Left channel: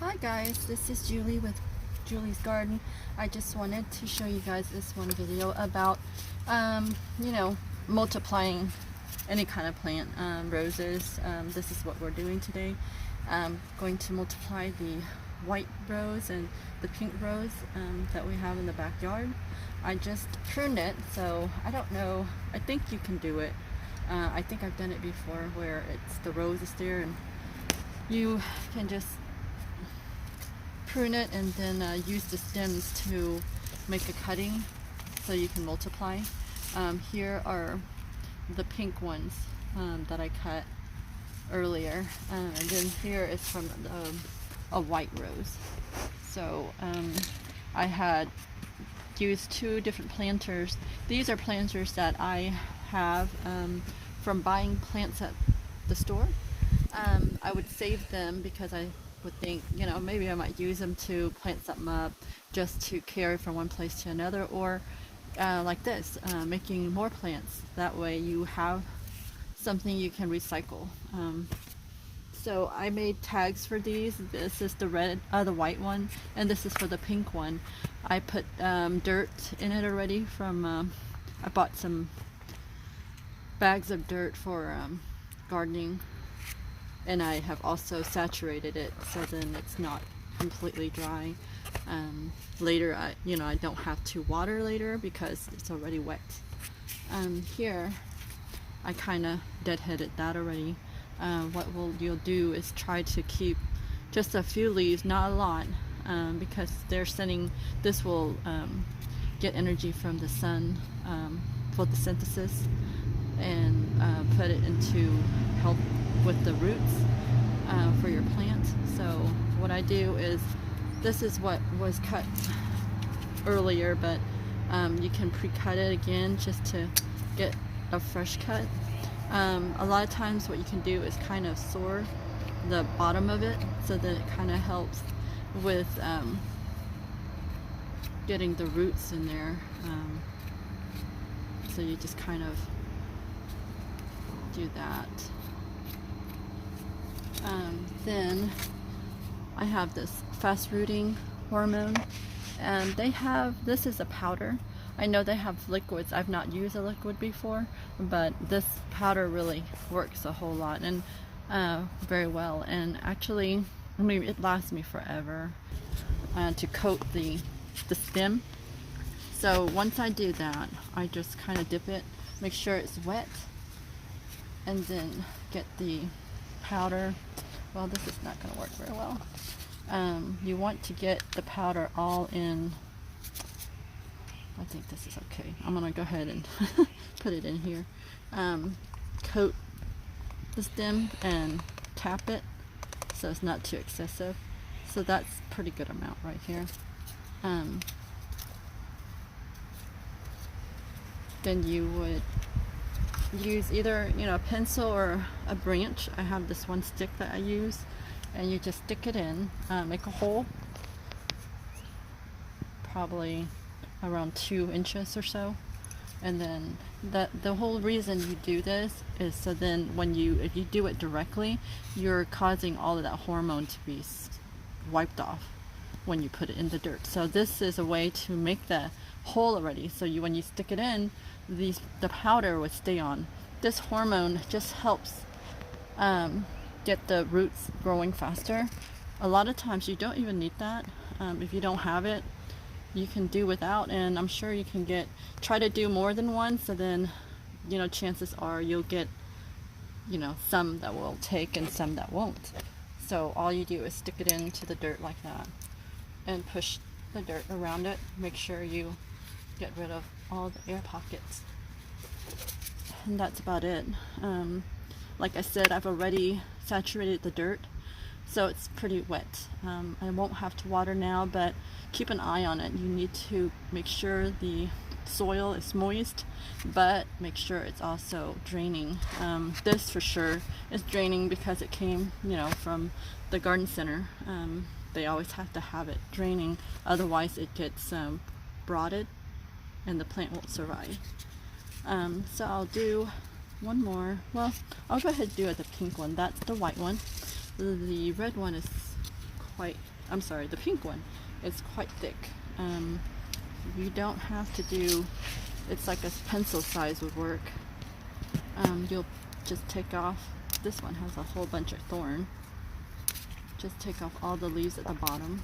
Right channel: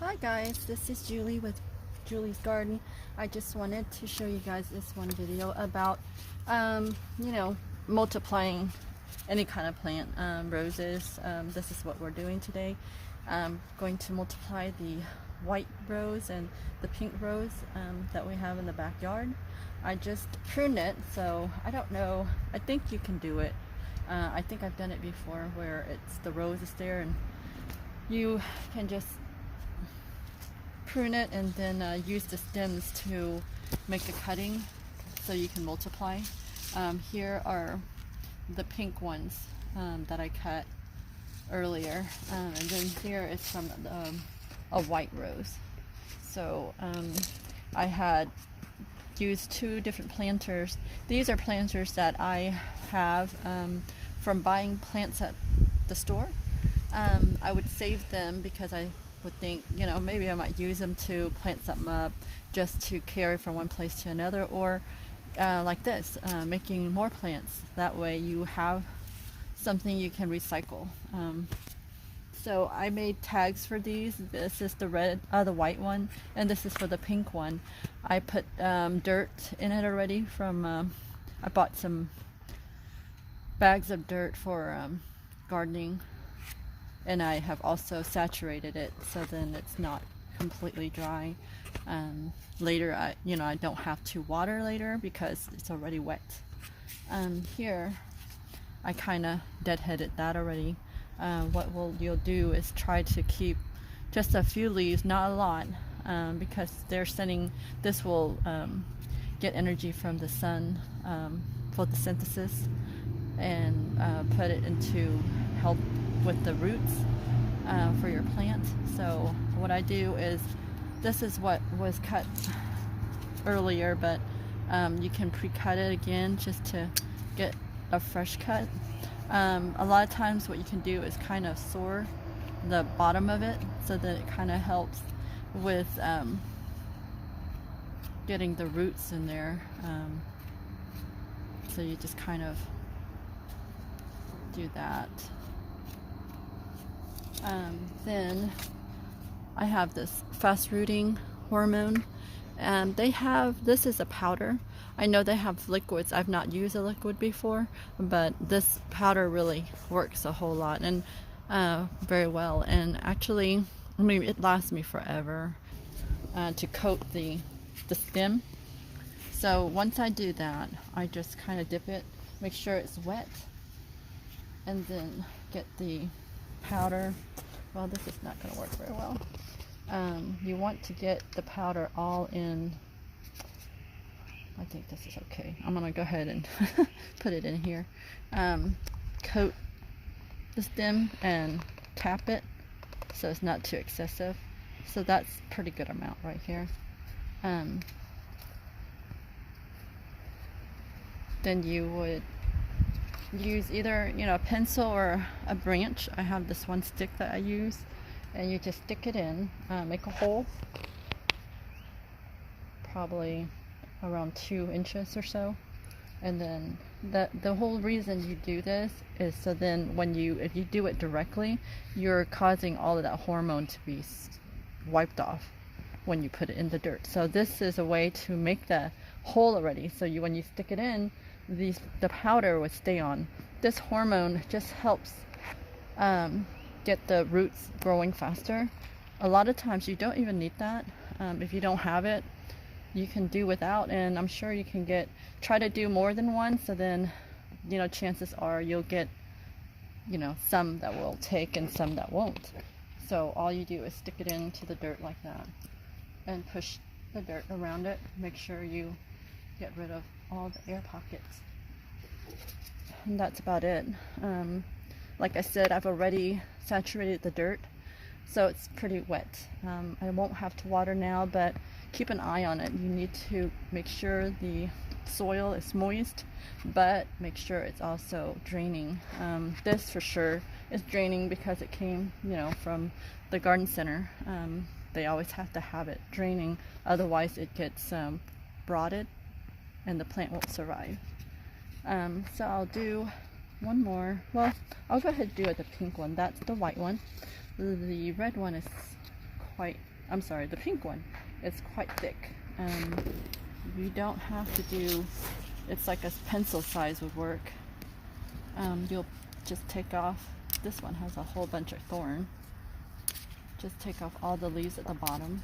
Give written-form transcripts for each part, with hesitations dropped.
Hi guys, this is Julie with Julie's Garden. I just wanted to show you guys this one video about, multiplying any kind of plant, roses. This is what we're doing today. Going to multiply the white rose and the pink rose that we have in the backyard. I just pruned it, so I don't know. I think you can do it. I think I've done it before where the rose is there and you can just prune it and then use the stems to make a cutting so you can multiply. Here are the pink ones that I cut earlier, and then here is from a white rose. So I had used two different planters. These are planters that I have from buying plants at the store. I would save them because I would think, maybe I might use them to plant something up just to carry from one place to another, or like this, making more plants. That way you have something you can recycle. So I made tags for these. This is the white one, and this is for the pink one. I put dirt in it already from, I bought some bags of dirt for gardening, and I have also saturated it so then it's not completely dry. Later, I don't have to water later because it's already wet. Here, I kind of deadheaded that already. What you'll do is try to keep just a few leaves, not a lot, because this will get energy from the sun, photosynthesis, and put it into help with the roots for your plant. So what I do is, this is what was cut earlier, but you can pre-cut it again just to get a fresh cut. A lot of times what you can do is kind of soar the bottom of it so that it kind of helps with getting the roots in there. So you just kind of do that. Then I have this fast rooting hormone, and this is a powder. I know they have liquids. I've not used a liquid before, but this powder really works a whole lot and very well. And actually, it lasts me forever to coat the stem. So once I do that, I just kind of dip it, make sure it's wet, and then get the powder. Well, this is not going to work very well. You want to get the powder all in. I think this is okay. I'm going to go ahead and put it in here. Coat the stem and tap it so it's not too excessive. So that's a pretty good amount right here. Then you would use either a pencil or a branch. I have this one stick that I use, and you just stick it in, make a hole probably around 2 inches or so, and then the whole reason you do this is so then if you do it directly, you're causing all of that hormone to be wiped off when you put it in the dirt. So this is a way to make the hole already, so when you stick it in, the powder would stay on. This hormone just helps get the roots growing faster. A lot of times you don't even need that. If you don't have it, you can do without, and I'm sure you can try to do more than one, so then chances are you'll get some that will take and some that won't. So all you do is stick it into the dirt like that and push the dirt around it. Make sure you get rid of all the air pockets, and that's about it. Like I said, I've already saturated the dirt, so it's pretty wet. I won't have to water now, but keep an eye on it. You need to make sure the soil is moist, but make sure it's also draining. This for sure is draining because it came from the garden center. They always have to have it draining, otherwise it gets rotted and the plant won't survive. So I'll do one more. Well, I'll go ahead and do the pink one. That's the white one. The red one is quite, I'm sorry, the pink one is quite thick. You don't have to do, it's like a pencil size would work. You'll just take off, this one has a whole bunch of thorn. Just take off all the leaves at the bottom.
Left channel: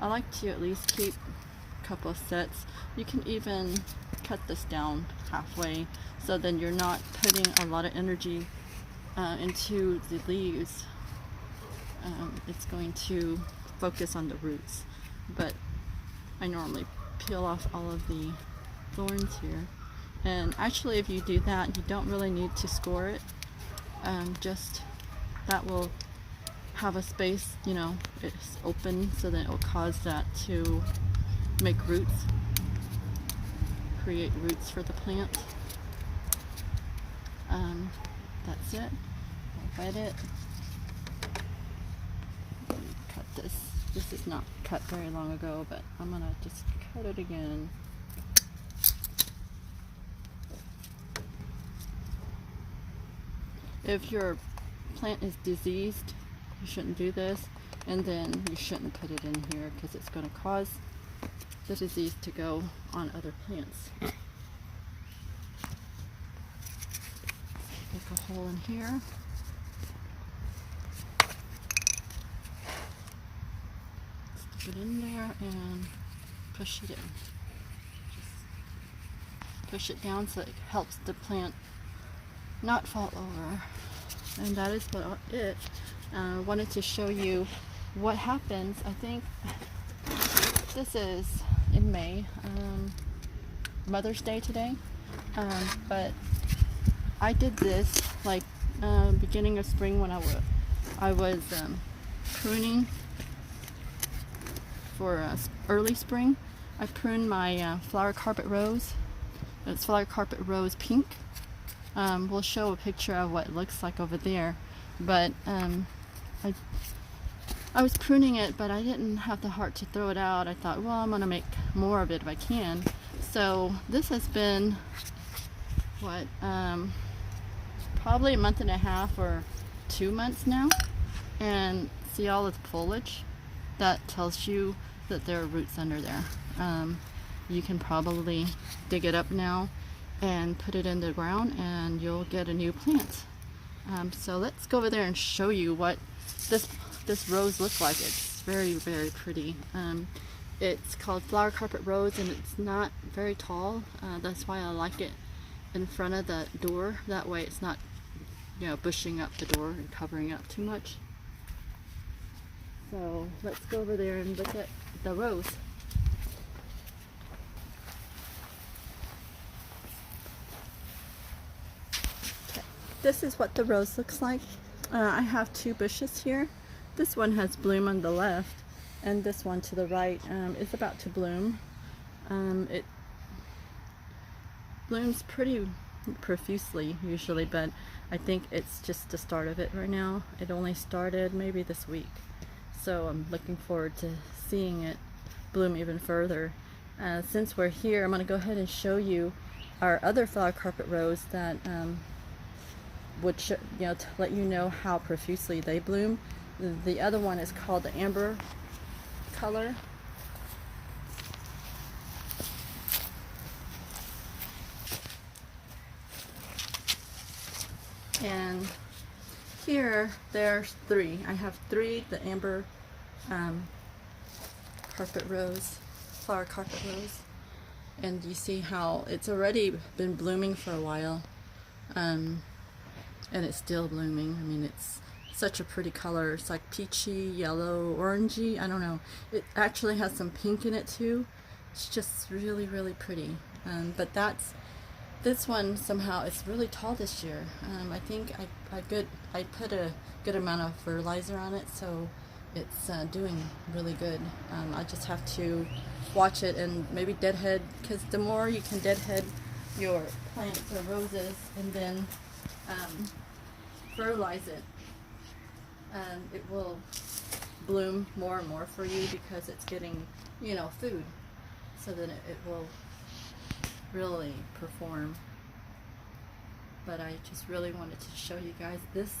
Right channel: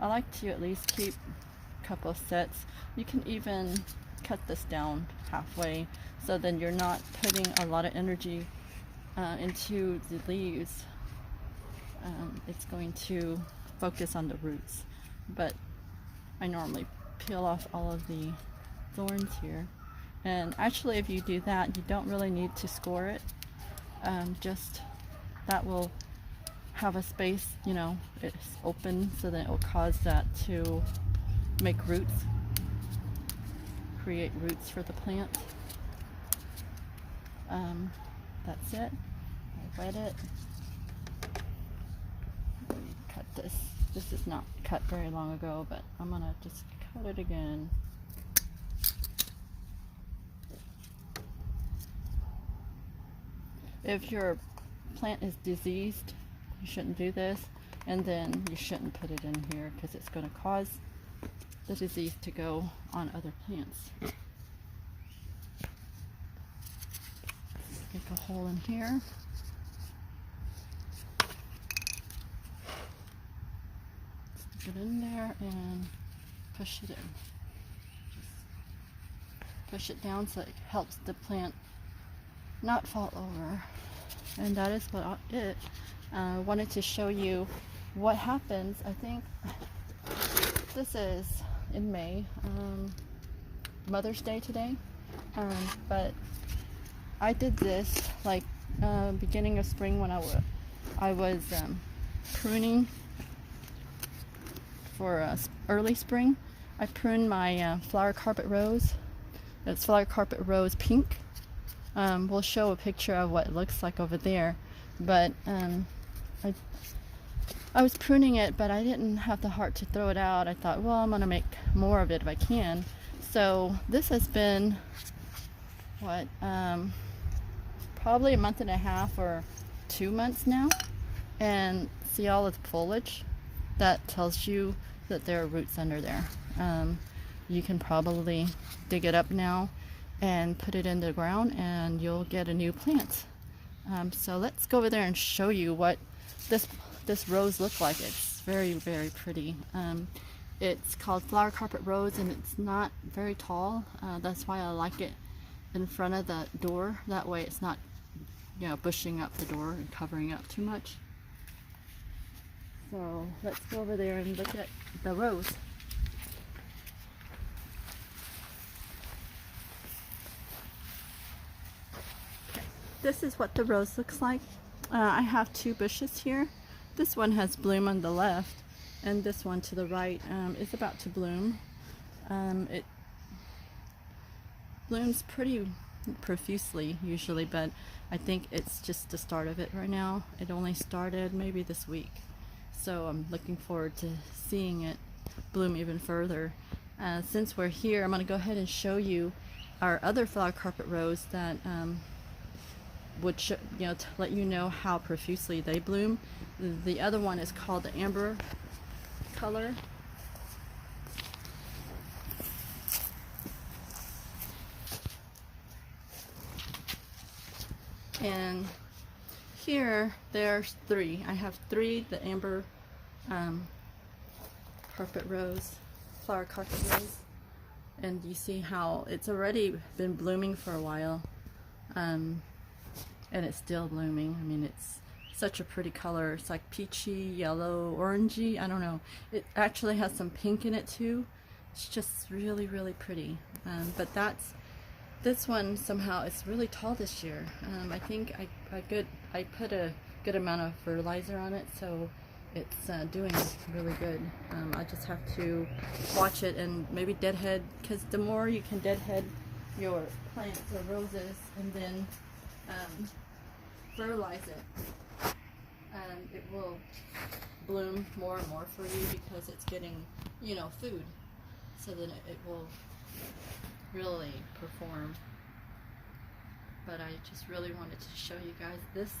I like to at least keep a couple sets. You can even cut this down halfway, so then you're not putting a lot of energy into the leaves. It's going to focus on the roots, but I normally peel off all of the thorns here. And actually, if you do that, you don't really need to score it. Just that will have a space, you know, it's open, so that it will cause that to make roots, create roots for the plant. That's it. I'll wet it. Cut this. This is not cut very long ago, but I'm gonna just cut it again. If your plant is diseased, you shouldn't do this, and then you shouldn't put it in here because it's going to cause the disease to go on other plants. Make a hole in here. Stick it in there and push it in. Just push it down so it helps the plant not fall over. And that is what it. I wanted to show you what happens. I think this is in May, Mother's Day today, but I did this like beginning of spring when I was pruning for early spring. I pruned my flower carpet rose. It's flower carpet rose pink. We'll show a picture of what it looks like over there, but I was pruning it, but I didn't have the heart to throw it out. I thought, well, I'm going to make more of it if I can. So this has been, what, probably a month and a half or 2 months now. And see all of the foliage? That tells you that there are roots under there. You can probably dig it up now and put it in the ground and you'll get a new plant. So let's go over there and show you what this rose looks like. It's very, very pretty. It's called flower carpet rose and it's not very tall. That's why I like it in front of the door. That way it's not, you know, bushing up the door and covering up too much. So let's go over there and look at the rose. This is what the rose looks like. I have two bushes here. This one has bloom on the left, and this one to the right is about to bloom. It blooms pretty profusely usually, but I think it's just the start of it right now. It only started maybe this week, so I'm looking forward to seeing it bloom even further. Since we're here, I'm going to go ahead and show you our other flower carpet rose that would to let you know how profusely they bloom. The other one is called the amber color. And here there's three. I have three, the amber carpet rose, flower carpet rose. And you see how it's already been blooming for a while. And it's still blooming. I mean, it's such a pretty color. It's like peachy, yellow, orangey. I don't know. It actually has some pink in it too. It's just really, really pretty. But this one somehow it's really tall this year. I think I put a good amount of fertilizer on it, so it's doing really good. I just have to watch it and maybe deadhead, because the more you can deadhead your plants or roses and then fertilize it, it will bloom more and more for you because it's getting, you know, food, so then it will really perform. But I just really wanted to show you guys this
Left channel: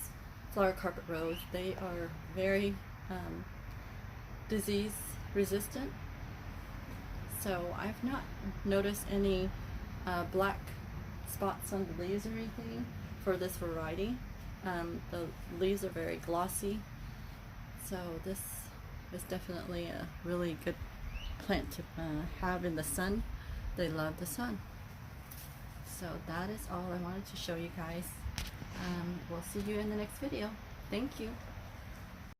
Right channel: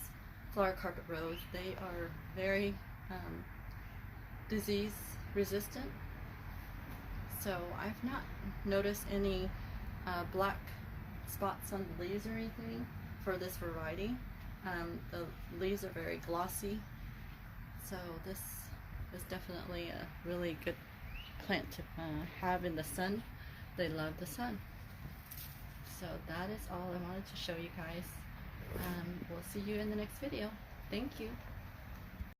flower carpet rose. They are very disease resistant, so I've not noticed any black spots on the leaves or anything for this variety. The leaves are very glossy, so this is definitely a really good plant to have in the sun. They love the sun. So that is all I wanted to show you guys. We'll see you in the next video. Thank you.